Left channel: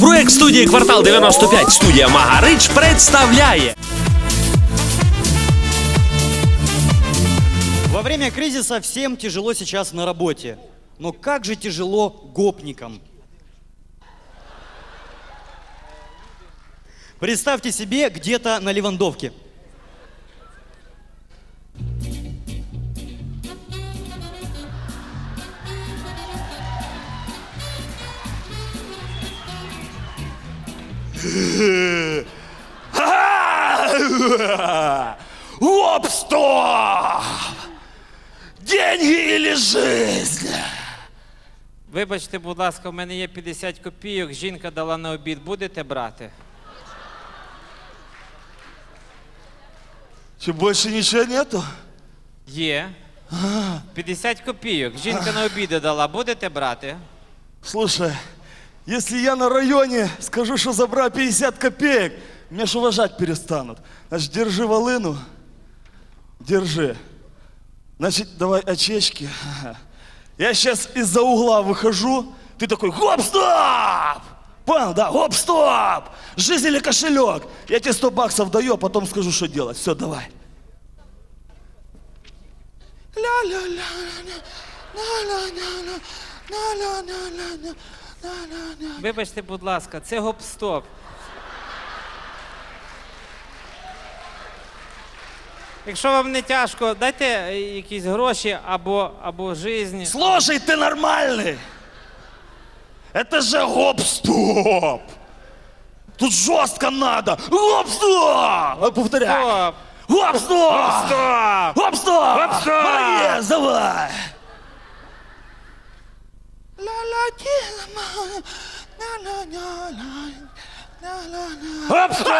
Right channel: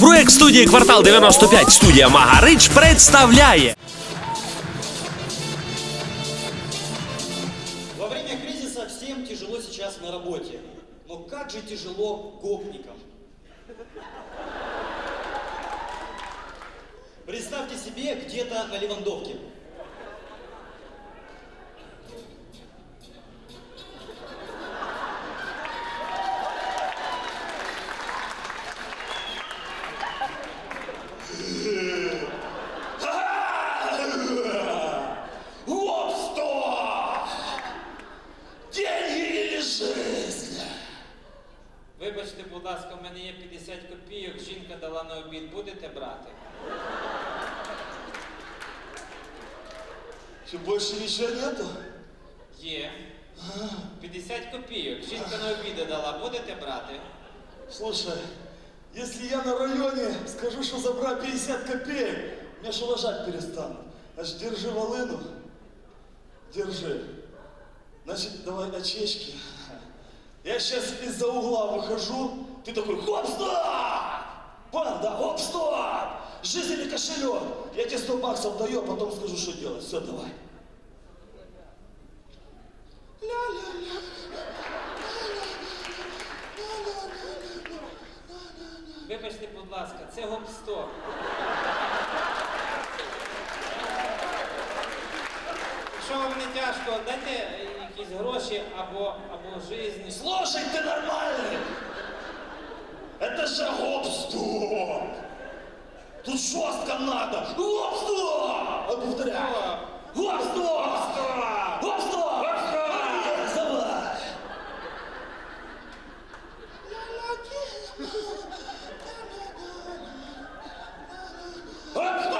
Проект студії Квартал 95 студія Магарич представляє. Во время кризиса всем тяжело сейчас на работе. Но как же тяжело гопникам. Представьте себе где-то на Левандовке. Оп! Деньги или жизнь? Вибачте, будь ласка, в мене є 50 копійок, жінка дала на обід. Будете брати? Че, больше ничего нету? Є. 50 копійок. Жінка на обіди дала. Будете брати? Слушай, если я на районе скажу, что забрал 50 копеек, меня ж уважать перестанут. Значит, держи волыну. Держи. Значит, давай очечки. Я сейчас из-за угла выхожу, ты такой, хоп, стоп! Понял, да? Хоп, стоп! Жизнь или кошелек? Я тебе 100 баксов даю, а потом скажу, что делать. Все, давай. Вибачте, будь ласка, це гоп-стоп. Якщо вам не тяжко, дайте е, якісь гроші або, або жизнь. Слушай, ты нормальный! Это же гоп-стоп! Тут жестко надо! Гоп-стоп! А, Повторяй! Стоп! Гоп-стоп! Стоп! Гоп-стоп! Гоп-стоп! Молодец, давай! Стоп!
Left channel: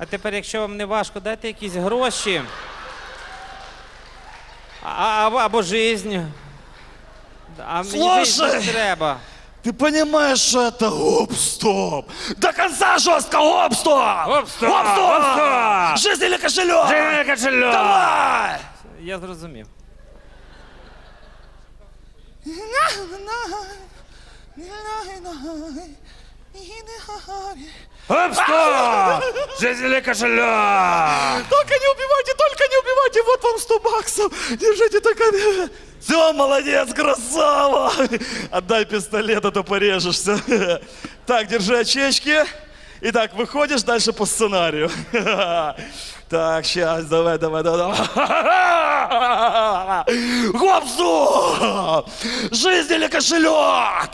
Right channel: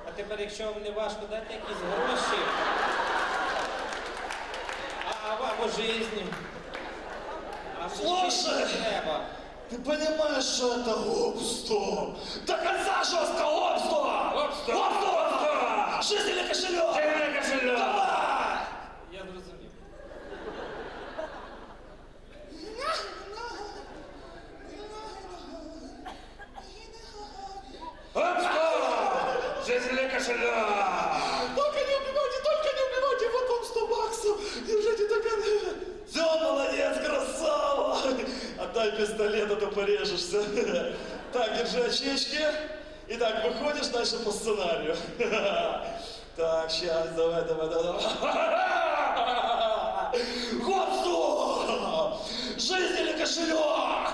А тепер, якщо вам не важко, дайте якісь гроші. А, або, або жизнь. А мені Слушай! жизнь не треба. Ты понимаешь, что это гоп-стоп? До конца жестко! Гоп-стоп! Гоп-стоп! Гоп-стоп! Жизнь или кошелек? Давай! Я зрозумів. Гоп-стоп! Жизнь или кошелек? Только не убивайте, только не убивайте, вот вам 100 баксов. Держите только... Все, молодец, красава. Отдай пистолет, а то порежешься. Так, держи очечки. Итак, выходишь дальше по сценарию. Так, сейчас, давай, давай, давай. давай. Гоп-стоп! Жизнь или кошелек?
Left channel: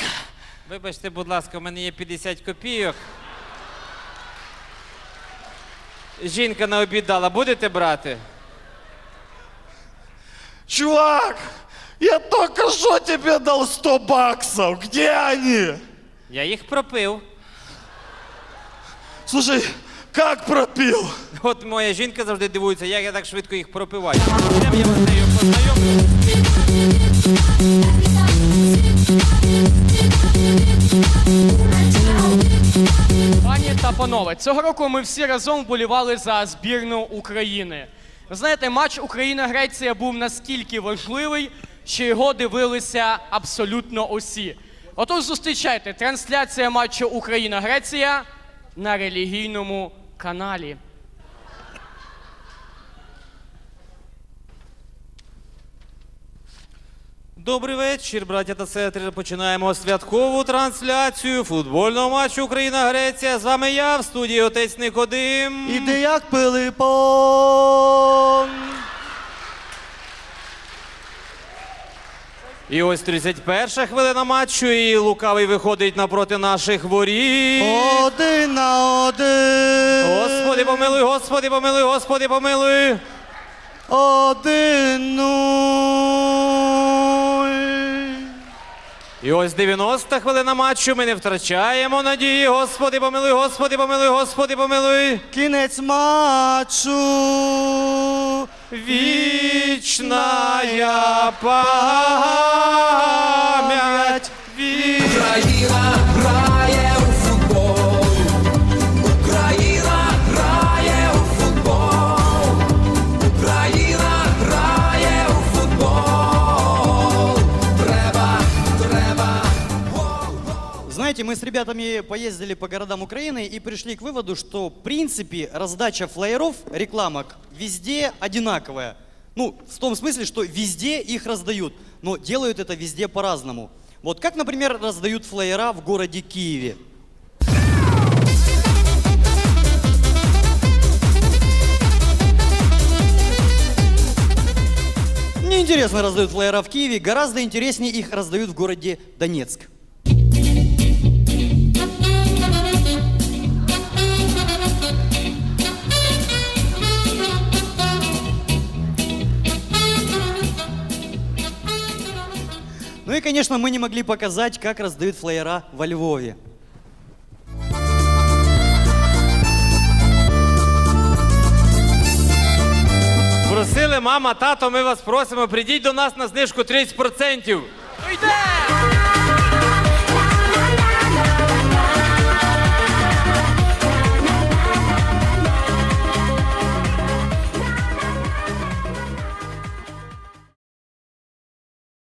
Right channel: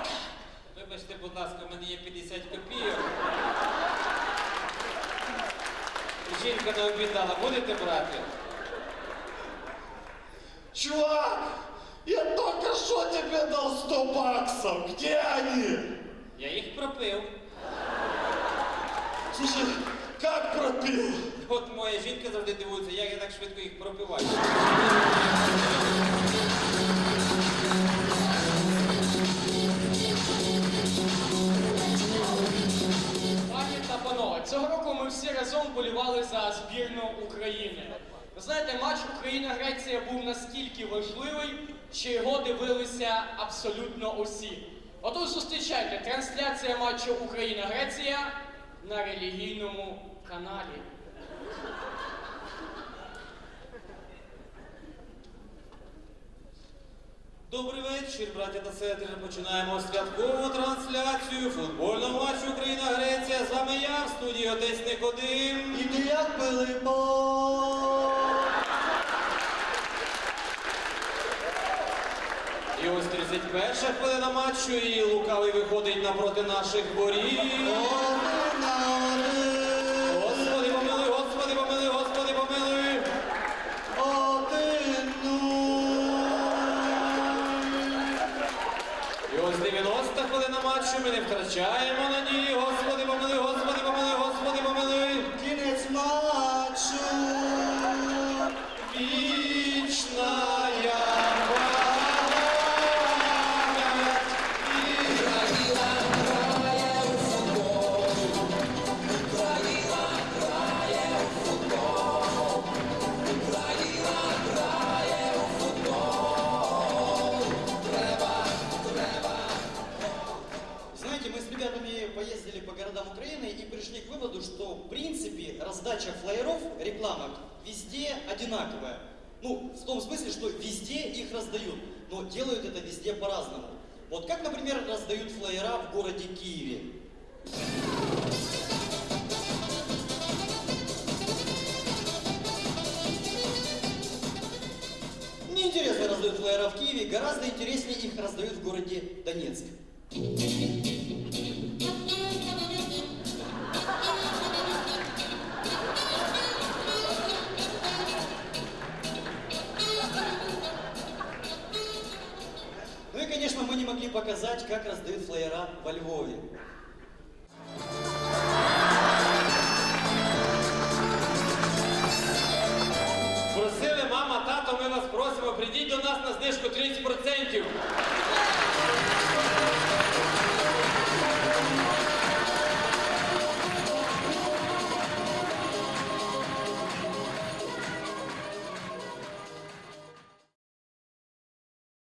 Вибачте, будь ласка, у мене є 50 копійок. Жінка на обід дала, будете брати? Чувак, я только что тебе дал 100 баксов. Где они? Я їх пропив. Слушай, как пропил? От моя жінка завжди дивується, як я так швидко їх пропиваю. Пані та панове, цього року ми всі разом вболівали за збірну України. Ви знаєте, матч Україна-Греція був настільки важливий, що його дивилися абсолютно усі. Отож, зустрічайте трансляція матчу Україна-Греція на релігійному каналі. Добрий вечір, браття та сестри. Починаємо святкову трансляцію футбольного матчу Україна-Греція. З вами я в студії Отець Никодим. І як Пилипом. І ось 31 хвилина матчу, і лукавий виходить напроти наших воріт. Один на один. Господи, помилуй, Господи, помилуй, Господи, помилуй. Один нуль. І ось 90 хвилина матчу. Ми не втрачаємо надії. Господи, помилуй, Господи, помилуй, Господи, помилуй. Кінець матчу. Вічна пам'ять. С ребятами поездили по городам Украины и пришли к выводу, что в принципе раздача флееров, рекламок везде одинаковая. Ну, в том смысле, что везде их раздают, но делают это везде по-разному. Вот как, например, раздают флеера в городе Киеве. Неинтересно раздают флеера в Киеве, гораздо интереснее их раздают в городе Донецк. Ну и, конечно, мы не могли показать, как раздают флеера во Львове. Просили мама, тато, ми вас просимо, прийдіть до нас на знижку 30%. Йде!